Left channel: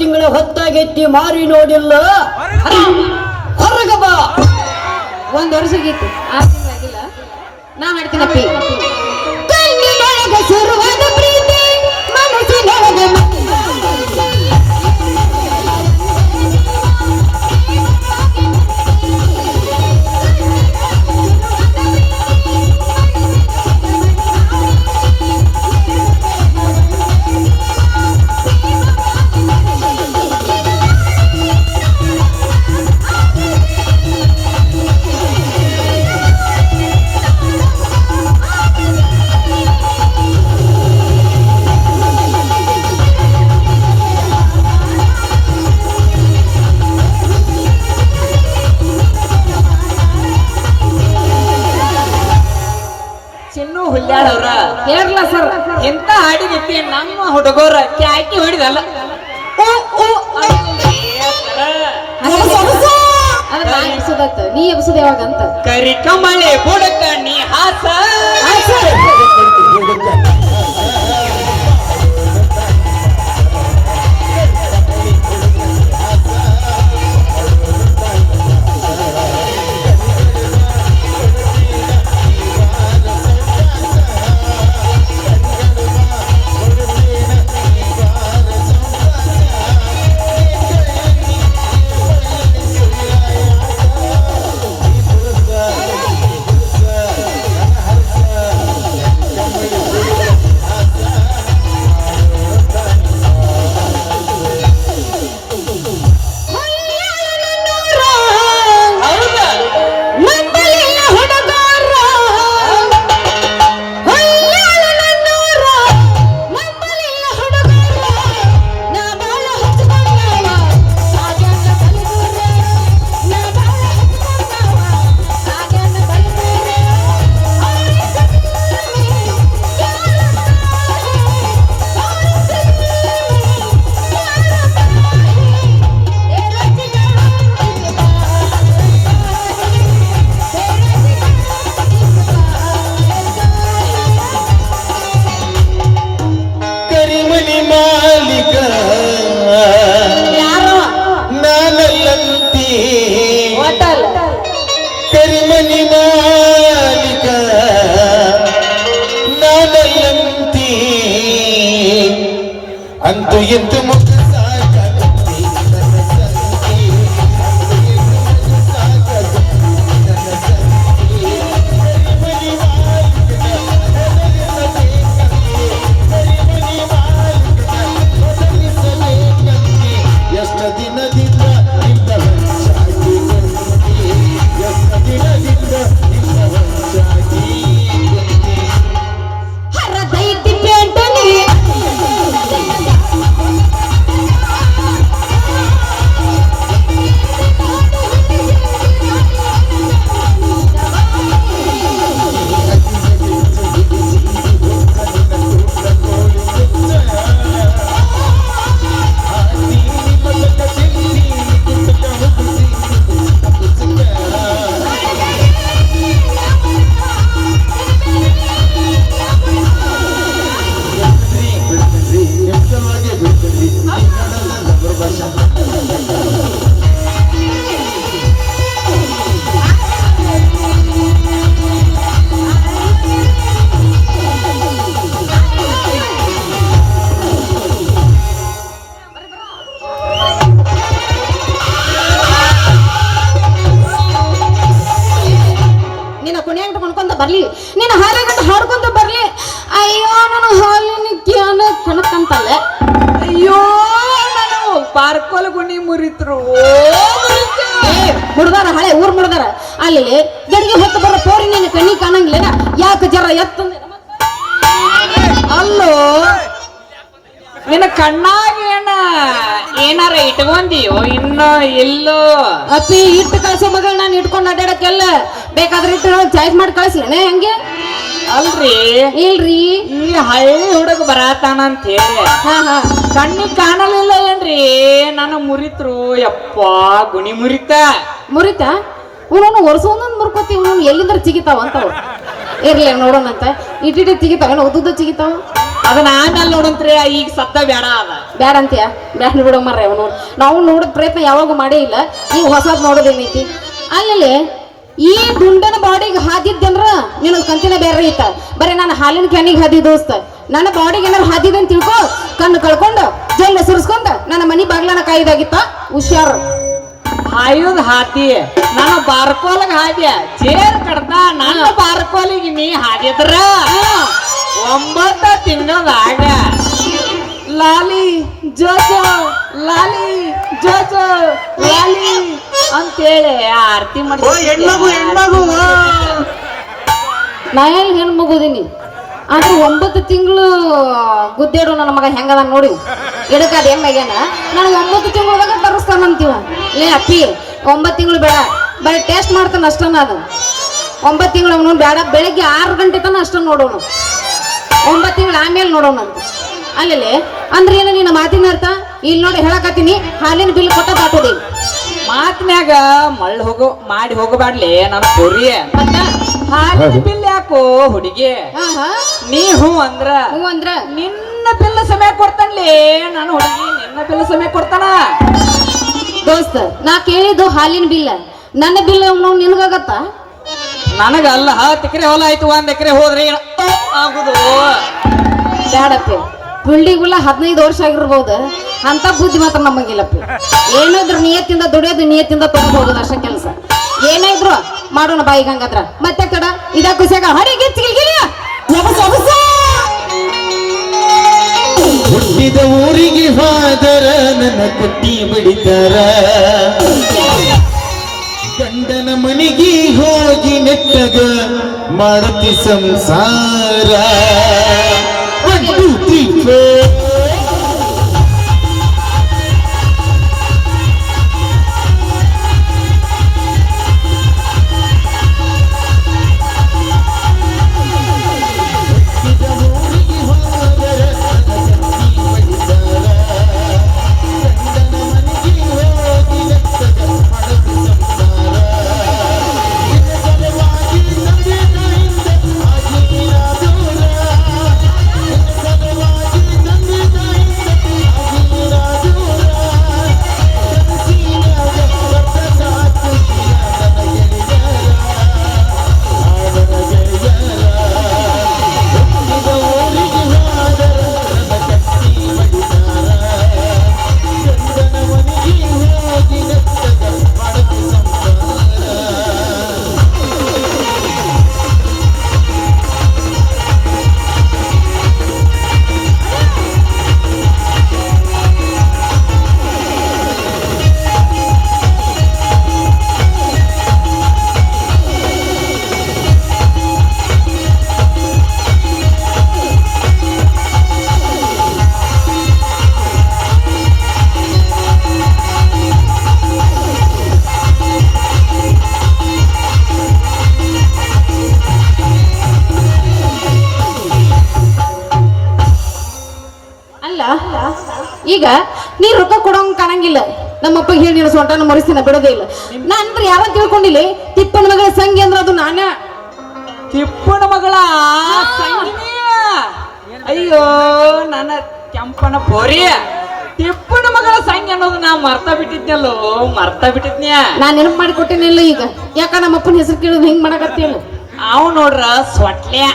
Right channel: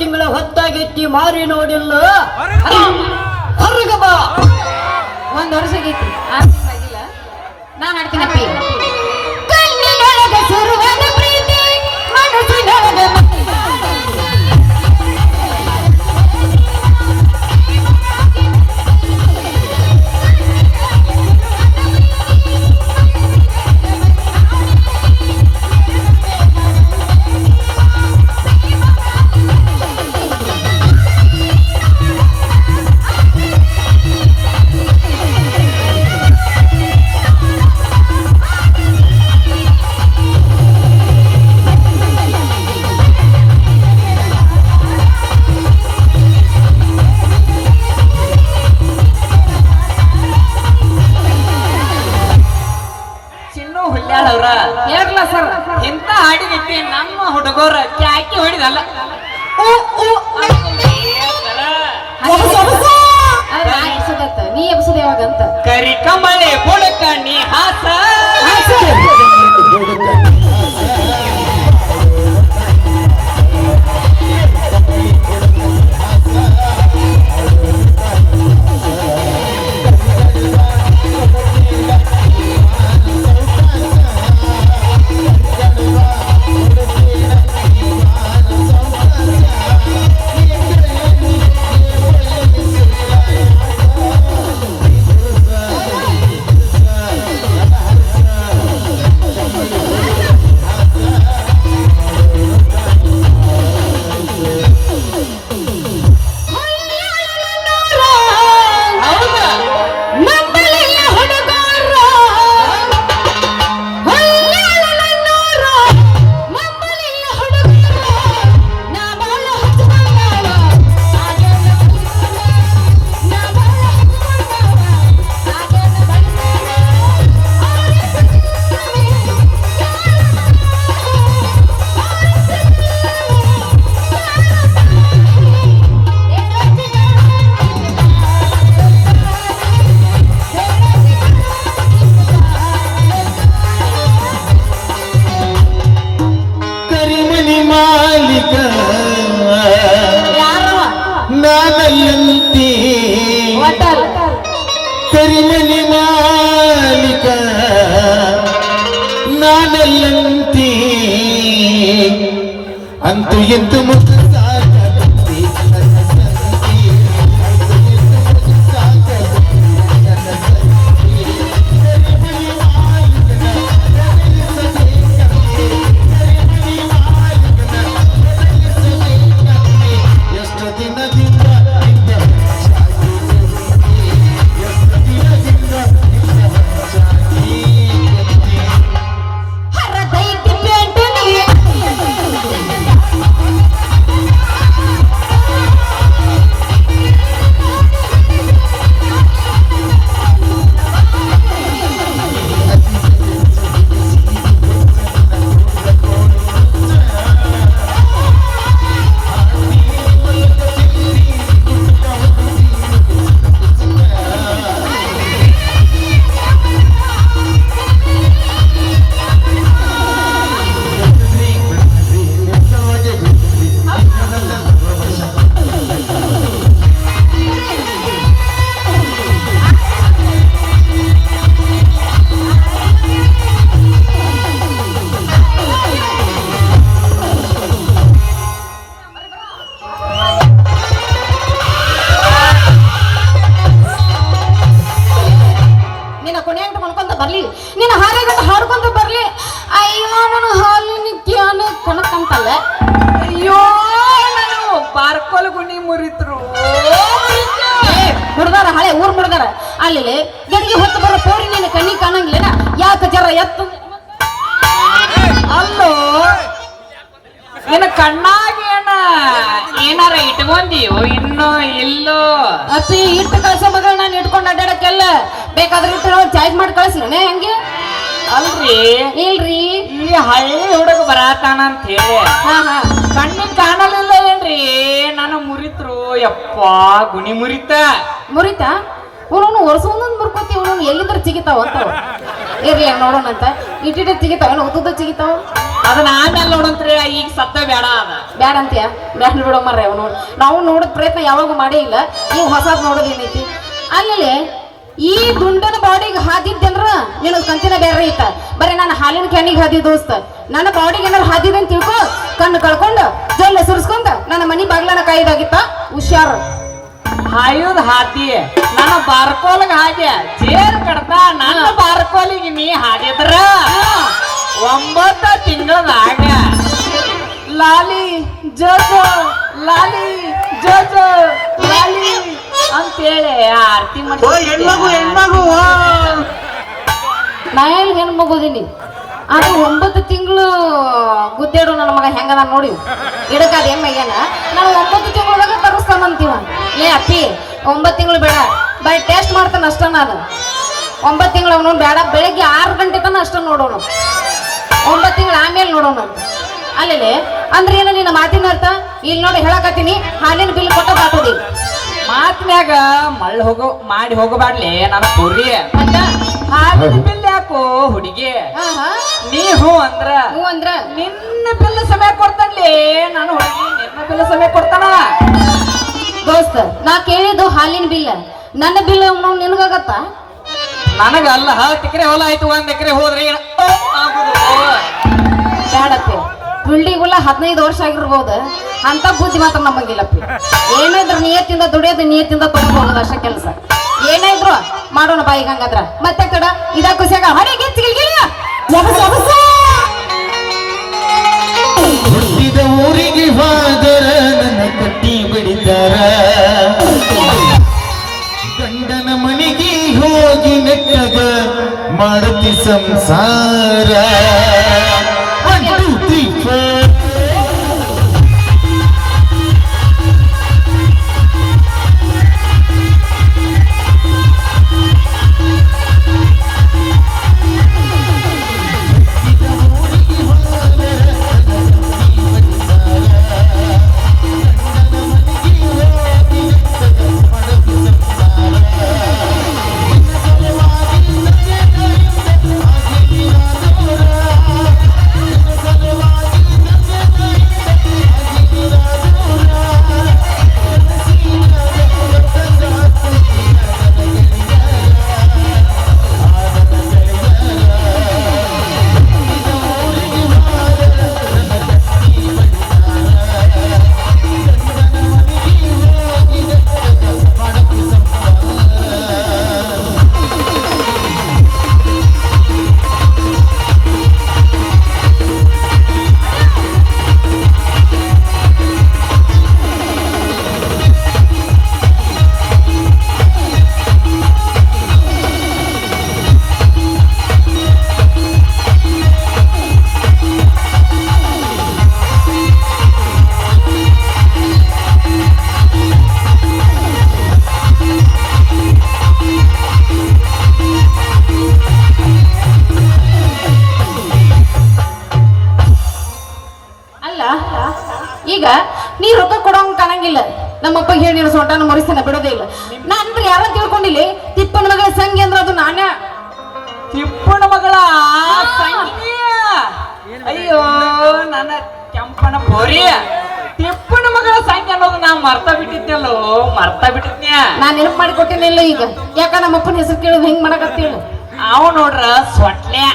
ತಿಂಗಳ ಹೊತ್ತಾಗೆತ್ತಿ ಮಾರಿ ನೋಡಿಲ್ಲ ಹೊರಗ ಬಾ. ಒಂದ್ ವರ್ಷಗಿತ್ತು 6 ತಿಂಗಳಾಗಿಲ್ಲ. ನಾ ಹಾಡ್ತೀನಪ್ಪಿ. ಕಣ್ಣಿನೊಳಗ ಶುರುವಾದ ಪ್ರೀತಿ ಮನಸ್ಸಿನೊಳಗ ಕೇರಳ ಸರ್ ಎಂತ ಹಾಡಿಗೈತಿ ನಮ್ಮ ಹುಡುಗರ ಕ್ಯಾಕಿ ಹೊಡಿದಲ್ಲ. ನೀ ಎಬ್ಸದ ಯಾವಾಗಂತ ಕರಿ ಕಮಳೆ ಬುಡಕ ನೀ ಹಾಸ ಅಂತೂ ಎಂದು ಬರ್ಲಿ ನೀನು ಹಾರಾಗಂತ ಹಾಡ್ಕೊಂತ ಬರ್ಲಿ. ಅಯ್ಯೋ ನಾನು ಹಾಲಿನ ಕ್ಯಾನ ಕಣಕಂತಲ್ಲ. ಅಯ್ಯೋ ನಾನು ಪಾರ್ಕೋಲ್ ಗುಣಿ ಮುರಿತ್ರು ಮುಡ್ದಾರ ಹಳೆ ಊರ್ ಮುಡ್ದಾರ ಅಲ್ಲಿ ಗಡಿಗೆ ಹೊತ್ತು ಬರೋ ಪೋರಿ ನೀನು ಕಣ್ಣಿ ಕಾಣಂಗಿಲ್ಲ. ಯಾಕೆ ಜರ ಎತ್ತು ಅಲ್ಲೋ ನಿನ್ನ ಕಣ್ಣಾಗೇನ ಏನಾರ ಇಟ್ಕೊಂದಿಯೋ ಇನ್ನೋ ಇಲ್ಲೋ? ಅಪ್ಪಿ ಇಟ್ಟು ಕಳ್ಸ ಮಗಳ ನಾನು ಇಟ್ಕೊಂಡು ಅಡ್ಡಾಡಕ್ಕೆಲ್ಲ ಬೇಕಾದ್ರೆ ಇಟ್ಟು ಚಾರ್ಜ್ ಮಾಡಿ ಕಳ್ಸಿರಣ ಹೆಂಗೆ? ಅಲ್ರಿ ಇಲ್ರಿ ಈ ಹಳ್ಳಿ ಹುಡುಗ ಬರಾತಾನಂತ ಹೇಳಿ ಕಣ್ಣಿಗೆ ಕಾಣಲಿಲ್ಲ ಏನ್ರಿ? ನನ್ನ ಮುರಿತ್ರು ಯಪ್ಪ ಗುಣಿ ಮುರಿತಾ ಇವನು ವರ್ಷ ಒಂದೊಂದು ಮುರ್ಕೋತಿ ಇವನು ಎಲ್ಲಿಂದ್ರ ಚಿಗಿತಾವ ಅಂತ. ಇರ್ಲಿ ನೋಡೋಣಂತ ಇಟ್ಟಿಟ್ಟು ಚಿಗಿತಾವ ಉದ್ದ ಚಿಗಿತಾವ ಅದನ್ನ ಆಮೇಲೆ ನೋಡಂತ್ರಿ ಈಗ ಸತ್ತ ಬೇಡ ಅದ ಬ್ಯಾಡ ಅಂತೀಯ ಬ್ಯಾಡ ಬಿಡೋ ಮರ್ರಿ ಅವನು ನಾವು ನೋಡೋ ಪ್ರಯತ್ನ ಯಾವಾಗ ಮಾಡೇ ಇಲ್ಲ ಈಗ ಹೊಸದ್ ನೋಡೋದೇನೈತಿ ಅಲ್ಲಿ ಈ ದುಂಡನ ಬಾಡಿಗೆ ಹಾದಿದ್ದೇನ್ರ ನಿನ್ನ ಕಂತಿನ ಬೇರೆ ಐತ ಬರೀ ನಾನು ಹಾಲಿನ ಕ್ಯಾನಿಗೆ ಹಾದಿ ದೋಸ್ತ ನನ್ನ ಬಾಡಿಗೆ ಏನಾರು ಹಾದಿದೆ ಅಂತ ತಿಳ್ಕೊ ಕಣ್ಣು ಕಳ್ಕೊಂಡು ಜೊಲ್ಲ ಸುರಿಸ್ಕೊಂಡ ನನ್ನ ಮನಿ ಬಾಗ್ಲನ ಕಾಯ್ದಾಗಿತ್ತ ಹುಷಾರು ಹಾಯುದ್ ಹಾತಿ ನನ್ನ ಬಾರ್ಕೋಲಿಗ ಹಾದ್ಯ ಜೇರ್ ಕಡ್ದ ನನ್ನ ಬಾರ್ಕೋಲಿಗೆ ನೀ ಹಾದಿದ್ರ 9 ತಿಂಗಳದಾಗ ಲಾಲಿ ಜೋಜೋ ಲಾಲಿ ಜೋಜೋ ಲಾಲಿ ಅಂತೇಳಿ ಆರತಿ ಮಾಡಿ ನಾ ಏನ್ ಹೆಣ್ಣು ಮಗೋದೀನಿ ಆದ್ರೆ 9 ತಿಂಗಳು ಗುದ್ದಾಡೋ ನನ್ನ ಮಗ ಹೆಂಗದ ನೋಡಿ ಎಡಕಾದ ಹೆಂಗಾಗ್ಯಾನ ನಾನು 9 ತಿಂಗಳದಾಗ ತರಿಸ್ತಾನಂತೀವ ಲೇ ಅಪ್ಪಿ 9 ತಿಂಗಳು ಬೇಡ ಬರೀ ಟೇಸ್ಟ್ ಮಾಡ್ತಾನ ಅಷ್ಟ ನಾನು 9 ತಿಂಗಳು ಅವನು ಬೇಡ ಬೆಳಗ್ಗೆ 6 ಗಂಟೆ ತನ ಅಷ್ಟ ನೋಡೋಣ 9 ತಿಂಗಳು ಆಮೇಲೆ ನೋಡೋಣ ಅಂತ ಅಲ್ಲೇ ಅಂದ್ರೆ ಏನು ನಿನ್ನ ಮಾತಿನ ಅರ್ಥ ಇಲ್ಲಿ ನೋಡಿ ಹೇಳಕತ್ತೀನಿ ಹಾಲಿನ ಬಿಲ್ ಕೊಟ್ಟ ಬಾಕೋದಿ ಮಾತಿನ್ಯಾಗ ಮಳ್ಳ ಮಾಡಿ ಹೋಗಬಾಡ್ಲಿ ನನ್ನ ಪೊರಿ ಹಾಲಿನ ಬಿಲ್ ಯಾಕೋ ಹುಡುಗಿ ನೀ ಹೂ ಅಂದ್ರ ನಿನ್ನ ಬಿಲ್ ಸಮಯ ಕೊಡ್ತಾನ್ಲಿ ನಾನು ಹುಡುಗಿ ನಿನ್ನ ಬಿಲ್ ಸಮಯ ಕೊಡ್ತಾನ ದೋಸ್ತ ನಾ ಕೇಳಿದ್ದು ಹಾಲಿನ ಬಿಲ್ಲ ನನ್ನ ಬಿಲ್ ನಿನಗಾಗತ್ತ ನನಗ ಅಲ್ಲ 10 ಎಕರೆ ಹೊಲ ಆಯ್ತು 1 ಎಕರೆ ಹೋದ್ರಿ ಆಗುದು ಬ್ಯಾಡಪ್ಪಿ ಗುಳ್ಳಿಗುಲ್ಲ 15 ವರ್ಷ ಆಗಿರ್ಬೋದು ಅಂತ ಬುದ್ಧಿ ಮಾತ್ರ ನಮಗಿಲ್ಲಪ್ಪಿ ಏನಿದ್ರು ನಿಯತ್ತಿಂದ ದುಡಿಯೋದು ನಿಯತ್ತಿಂದ ತಗೊಂಡು ಹೋಗೋದು ಅಷ್ಟೇ ಕೆಲಸ ಏನೇ ಇದ್ರು ಮಾಡೋಣ ಬಾಯಿಗೆ ಹಂಗಾದ್ರ ಮತ್ತೆ ಕಡ ಇದ ಖುಷಿಯಾಗ ಹೊರಗೆ ಹುಟ್ಟಿದ ಊರಿಗೆ ಹೋದರ ನನ್ನ ಕಟ್ಟಿ ಬಿಡಿದರ ಗಂಡನ ಮನೆಗೆ ಹೋಗಿ ನೆಟ್ಟಗ ಮಾಡತಿ ಸಂಸಾರ ಈಗ ನೀ ರೊಕ್ಕ ಕೊಡೋಂಗ್ ಕಾಣಂಗಿಲ್ಲ ನಮ್ಮಪ್ಪ ಹೇಳಿ ನೀನು ಸೊಂಟನ ಮರಿಸ್ತಾನ ಬಿಡೋದೇ ಇಲ್ಲ ನಾನು ಯಾರೋ ತಿಳ್ಕೊಂಡಿಲ್ಲ ತಿಪ್ಪನ ಮಗಳ ಸಂಗಿ ಅಂದ್ರೆ ಅದು ನಾನೇ ತಿಪ್ಪನ ಮಗಳ ಅಯ್ಯೋ ನನ್ನ ಕೆಂಪನ ಪೋರಿ ತಿಪ್ಪನ ಮಗಳ ಸಂಗಿ ಅನ್ನೋದು ನಾ ಮರ್ತಾ ಬಿಟ್ಟಿದ್ನ್ಯಾ ನಾನ್ ನೆನಪು ಮಾಡಿ ಕೊಟ್ಟಿನಿಲ್ಲ ಈಗ ಯಾಕ ನಮ್ಮಪ್ಪನ ಹೆಸರು ಕೇಳೋದು ಹೆಂಗ್ ಮಾಡಕತ್ತೇಳು ಅವ್ ನೋಡ್ರ ಸೊಟ್ಲ್ಯಾ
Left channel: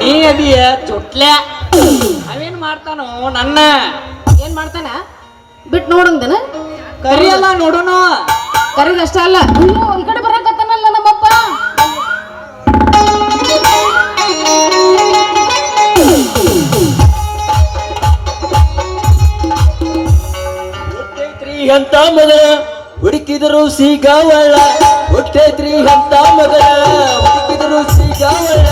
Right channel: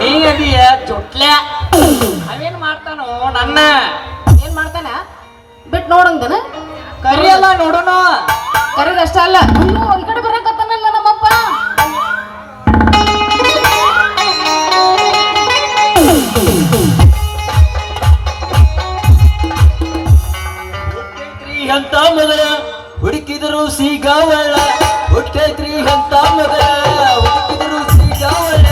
ನೀ ಅದಿಯ ಚೊಟ್ಲ್ಯಾ ಅವೇನ್ ಮಾಡ್ತಾನೋ ನನ್ನ ಏನ್ ಮಾಡ್ತಾನ ಬಿಟ್ ನೋಡಂದನ ಕರಿಯಲ್ಲ ನೋಡುನು ಕರಿದಷ್ಟ ಅಲ್ಲ ಅಯ್ಯೋ ಈ ಕಡೆ ಬರಕತ್ತಾನಲ್ಲ ನಮ್ಮಪ್ಪ ಅಂತ ಮಗಳ ಹುಡುಕಿದರು ಸಿಗವಳ ಹುಟ್ಟೈತ್ರಿ ಅಂತ ಮಗಳ ಹುಡುಕಿದರು ಸಿಗವಳ